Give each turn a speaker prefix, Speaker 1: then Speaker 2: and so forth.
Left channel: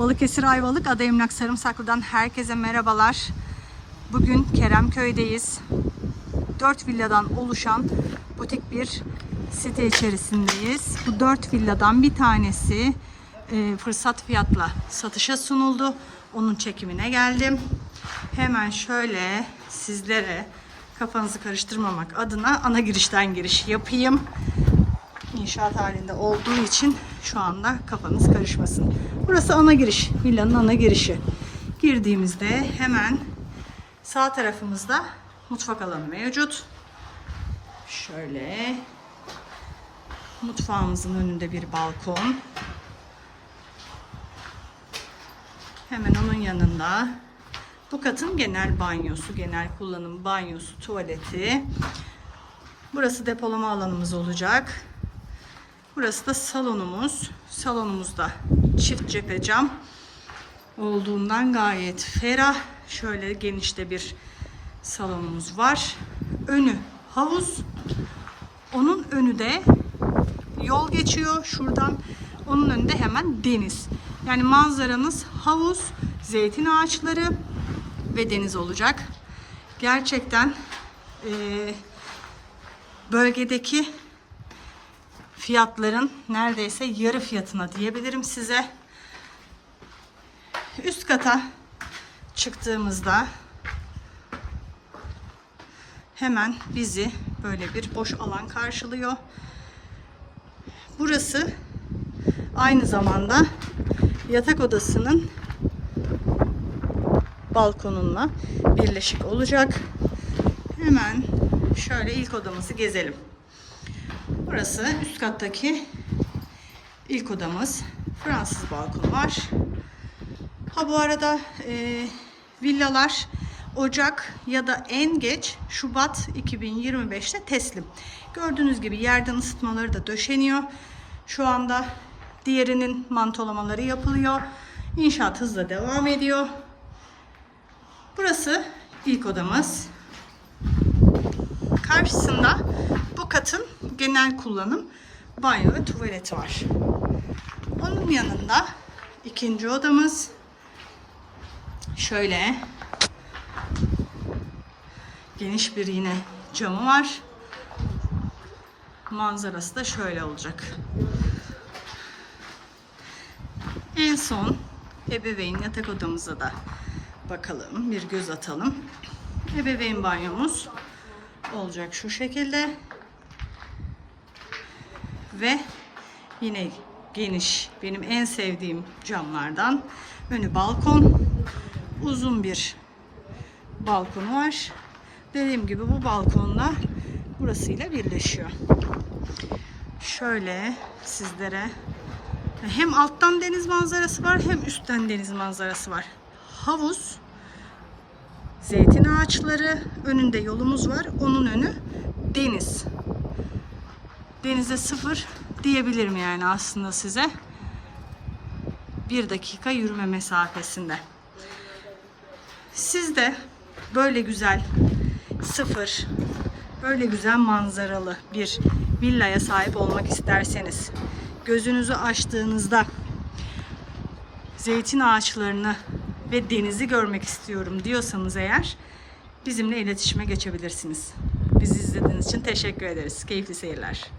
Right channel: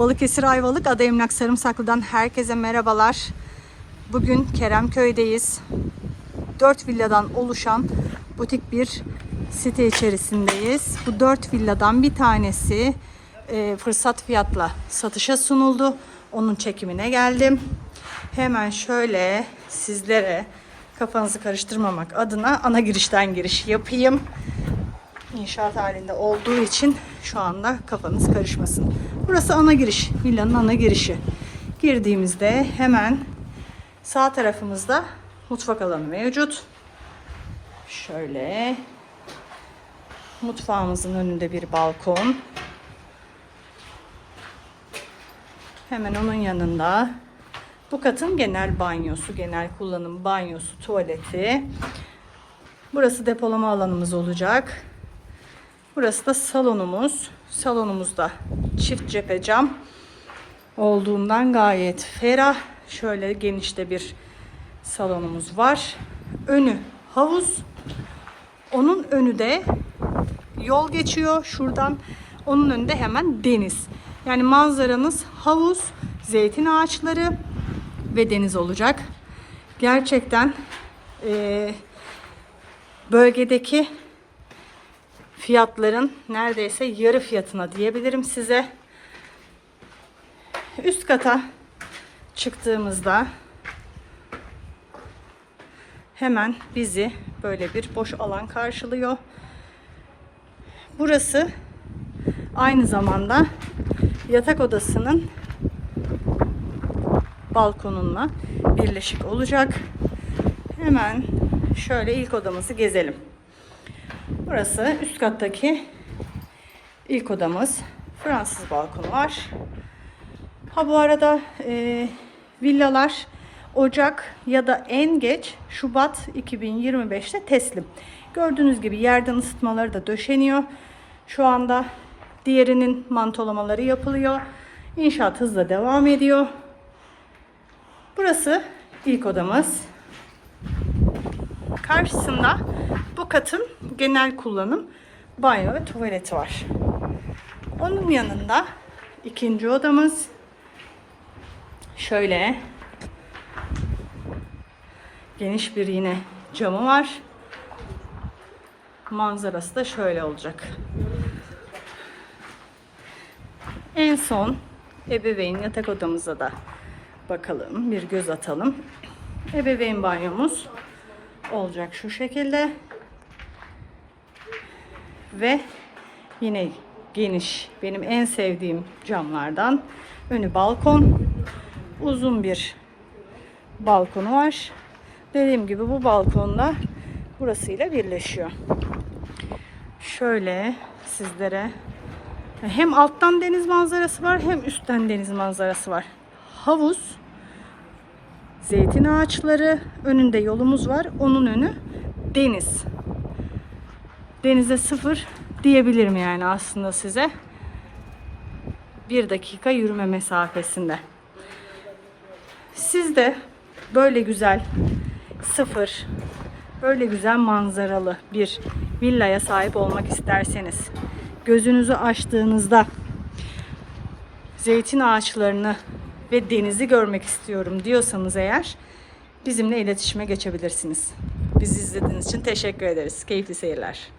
Speaker 1: Balıkesir Ayvalık Ada Emlak Sarımsaklı'dan herkese merhabalar. Bugün Keremköy'deyiz. 4 villadan oluşan butik bir site içerisindeyiz. Bu 4 villadan bir tanesi e, fırsat fiyatla satışa sunuldu. Onun çekimine geldim. Hemen şöyle sizlere kafanızı karıştırmamak adına ana girişten giriş yapayım. İnşaat halinde olduğu için şu anda kafanız karışmasın. Burası ana giriş. Villanın ana girişi. Girdiğimizde hemen sağ tarafımızda mutfak alanı mevcut. Şöyle mutfağımızın önünde bir balkon. Hemen onun yanında bu katın genel banyosu, genel kullanım banyosu, tuvaleti. Burası depolama alanımız olacak. Burası da salonumuz. Salonumuzda çift cephe cam olduğundan gayet ferah. Şöyle genişte bir salonumuz var. Önü havuz. Onun önü de yol geçiyor. Şuradan onun önünde hemen deniz. Yani manzaranız havuz, zeytin ağaçları ve deniz olacak. Gerçekten eee, bölgedeki fiyatların neredeyse yarı fiyatına diyebilirim size. Üst kata çıktığımızda hemen bizi böyle bir boş alan karşılıyor. Burası aynı zamanda yatak odasının balkonunla birleşik olacak. Hemen şöyle ilk odamızı gezelim. Burası üst kattaki ilk odamız. Fransız balkonu var. Ha bu arada e, villalar Ocak ya da en geç Şubat 2025'te teslim. Gördüğünüz gibi yerden ısıtmaları da döşeniyor. Şu anda diğerinin mantolamaları yapılıyor. İnşaat hızla devam ediyor. Burası ilk odamız. Karşısında bu katın genel kullanım banyo ve tuvaleti var. Onun yanında ikinci odamız şöyle geniş bir yine camı var. Manzarası da şöyle olacak. En son ebeveyn yatak odamıza da bakalım, bir göz atalım. Ebeveyn banyomuz olacak şu şekilde. Ve yine geniş, benim en sevdiğim camlardan. Önü balkon. Uzun bir balkonu var. Dediğim gibi bu balkonda burasıyla birleşiyor. Şöyle sizlere hem alttan deniz manzarası var hem üstten deniz manzarası var. Havuz, zeytin ağaçları, önünde yolumuz var. Onun önü deniz. Denize sıfır diyebilirim yani aslında size. Bir dakika yürüme mesafesinde. Siz de böyle güzel sıfır, böyle güzel manzaralı bir villaya sahip olmak isterseniz, gözünüzü açtığınızda zeytin ağaçlarını ve denizi görmek istiyorum diyorsanız eğer bizimle iletişime geçebilirsiniz. Bizi izlediğiniz için teşekkür ederiz. Keyifli seyirler.